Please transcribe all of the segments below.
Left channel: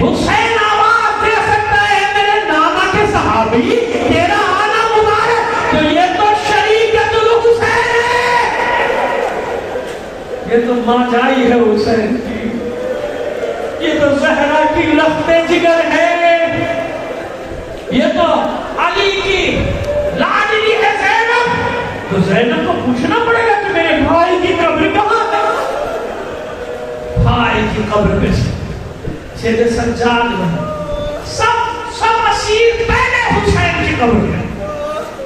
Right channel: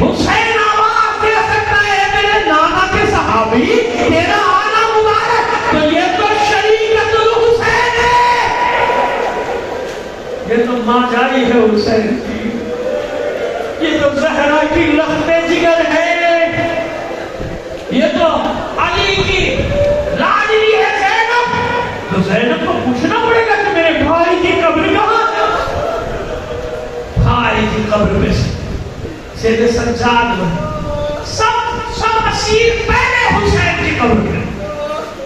حسین آواز دے سکتا ہے میرے نانا کے صحابی تیرا آنا مبارک، تو یہ تو شریکت الحسین ہے، یہ تو ماں جائی ہے حسین کی، یہ تو زہرا کی لخت جگر ہے، یہ تو علی کی لاڈلی ہے زینب۔ تو زینب کو پوچھنا پڑے گا کہ میرے بھائی کی قبر کہاں ہے؟ بھائی کی قبر میں سید سجاد میں سب اسیر پہلے حسین کی قبر میں،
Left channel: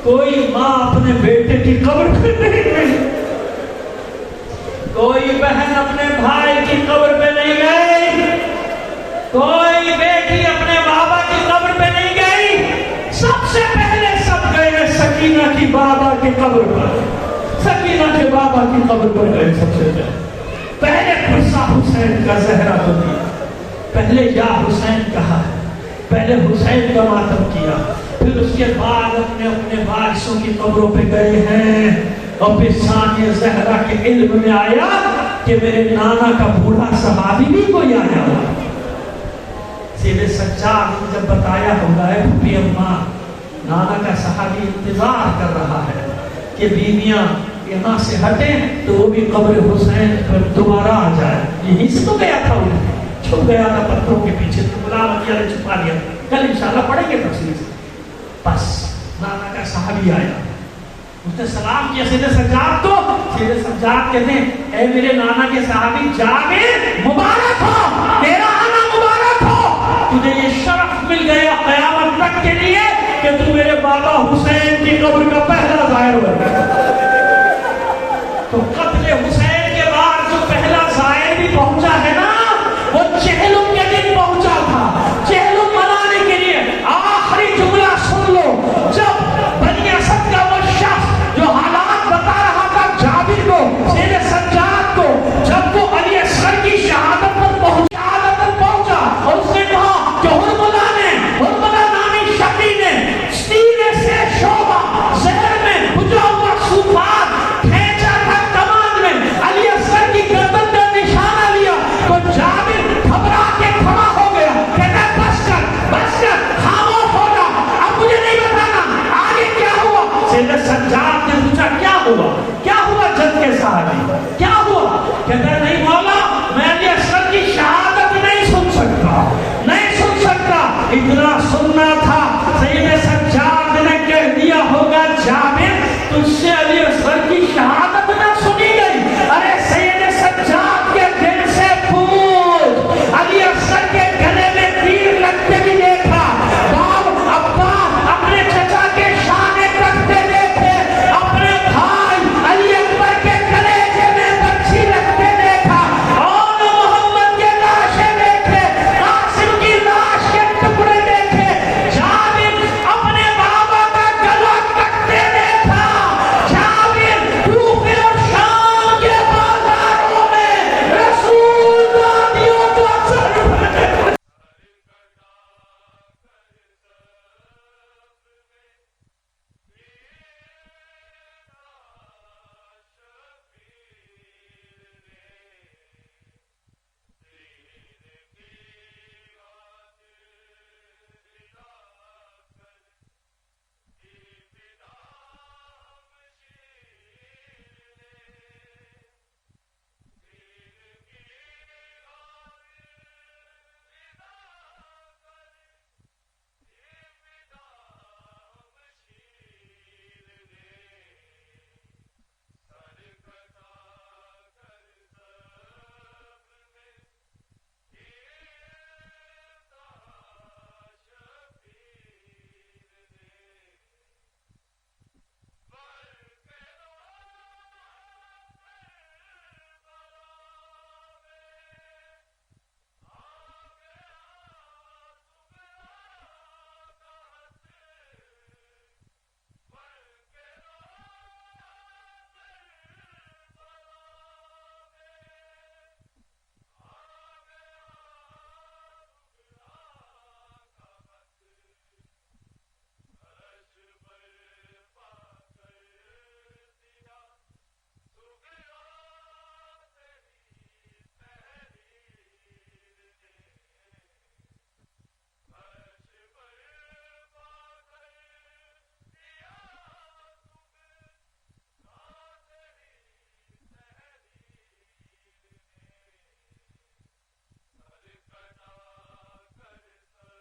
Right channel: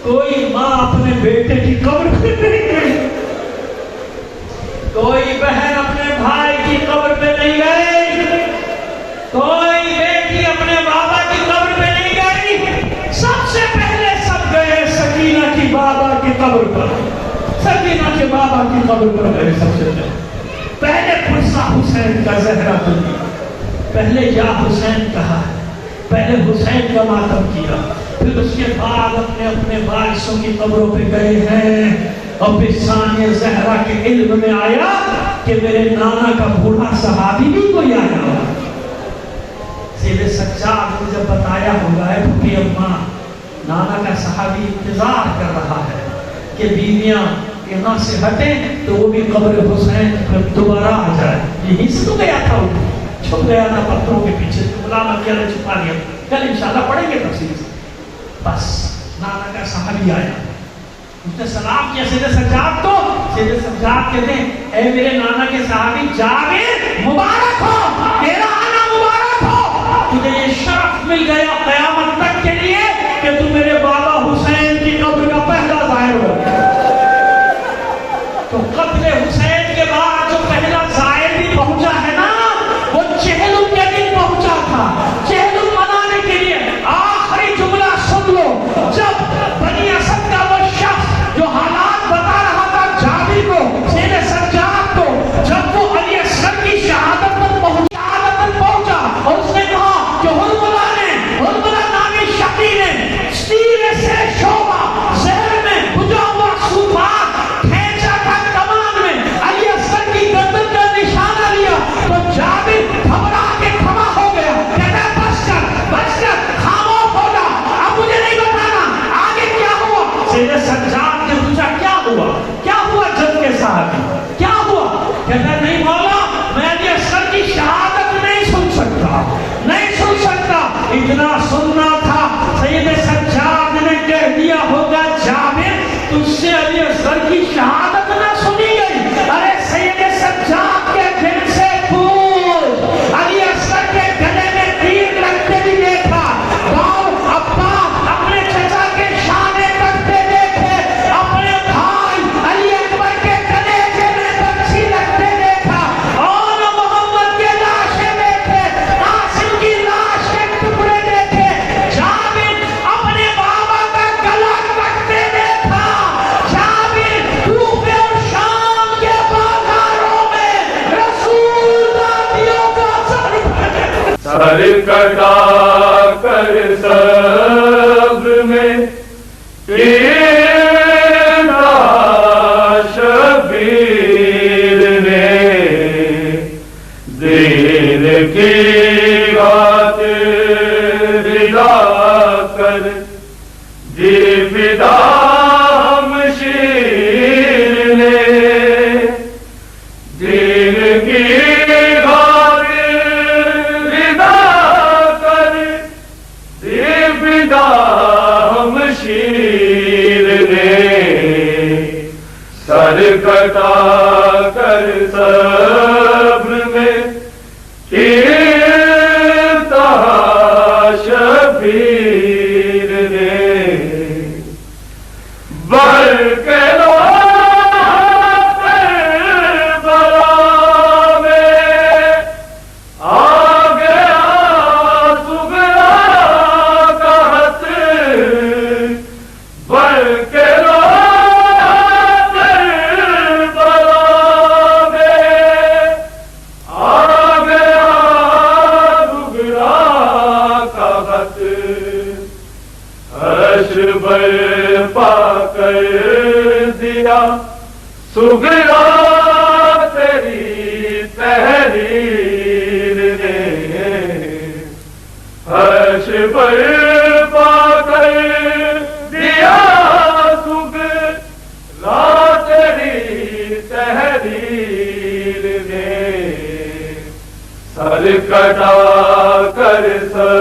کوئی ماں اپنے بیٹے کی قبر پہ نہیں گئی، کوئی بہن اپنے بھائی کی قبر پہ نہیں گئی، کوئی بیٹی اپنے بابا کی قبر پہ نہیں گئی، سب سے پہلے سب گئے سکینہ کی بابا کی قبر پر، سکینہ کے بابا کی قبر پر گئے سب سے پہلے پرسا حسین کا زہرا بنی، پہلے یا حسین کہا، پہلے حسین کا ماتم کیا، پھر اس کے بعد اپنے اپنے وارثوں کی قبروں پہ گئے ہیں، اور پھر ثانیہ زہرا کے علم میں آیا کہ میرے نانا کا بوڑھا صحابی بھی کوئی آیا ہوگا۔ سید سجاد نے جب بتایا ہوگا ہے پھوپھی اماں نانا کا صحابی انتظار کر رہا ہے کہ بیویاں یہاں سے ہٹیں تو وہ بھی قبر حسین پر دوبارہ آ جائے، یہیں سے تو گیا تھا، وہ چھپ گیا تھا پتھروں کے پیچھے، مولانا میاں نے چھپا لیا، کل انشاءاللہ پڑھیں گے تفصیل سے۔ بس نانا کا صحابی آیا، اس نے سلام کیا سید سجاد کو، سید سجاد کہتے ہیں اے میرے نانا کے صحابی جابر مبارک ہو، تیرا آنا مبارک ہو، تجھے یہ شرف مل گیا قیامت تک کے لیے کہ تو میرے بابا حسین کی قبر کا پہلا زائر ہو۔ تو قتل حسین کے بعد جو پہلا زائر بھی پہنچا ہے نا، وہ چہلم کے دن پہنچا تھا، چہلم منانے کے لیے۔ آخری جملہ سن لو، جب بنی اسد کا وہ شخص جو حالات بتا رہا تھا جابر کو، سید سجاد کو، جب وہ علی اصغر کی شہادت پر پہنچا اور اس نے کہا کہ ہرملا نامی شقی نے تیر سے شعبہ زہر میں بجھا ہوا صوفات کھینچا تھا کمان میں، علی اصغر کی گردن کا نشانہ لیا تو جابر گھبرا کے کھڑا ہو گیا، کہتا بس کر خاموش ہو جا، اب مجھے نہیں بتانا آگے کیا ہوا۔ سید سجاد نے پوچھا کیا ہوا جنگ کے صحابی، کیا ہوا؟ کہتا نہیں مولا میں علی اصغر کی شہادت نہیں سن سکتا، اتنا سننا تھا سید سجاد نے کہہ دیا ہوگا جابر تجھ سے علی اصغر کی شہادت نہ سنی گئی۔ ارے سید سجاد کے دل سے پوچھ، علی اصغر کے گلے میں تیر لگتے بھی دیکھا، باؤ عباس اپنے چچا کے شانے کرتے دیکھے، اپنے بھائی علی اکبر کے کلیجے میں بچھی لگتے دیکھا، اور محمد کے لاشیں دیکھے، قاسم کی لاش کے ٹکڑے دیکھے، جابر اپنے بابا کا گلا کٹتے دیکھا، جابر کوفے اور شام کے بازاروں میں رسول دادیوں کا سر کٹا کر صبر میں شبیر نے دین کی بات رضا کر دی فدا ہم شیر نے، دین کی بات رضا کر دی فدا ہم شیر نے، سر کٹا کر صبر میں شبیر نے، بر کے برپا کر دیا سغرا تیری تحریر نے، سر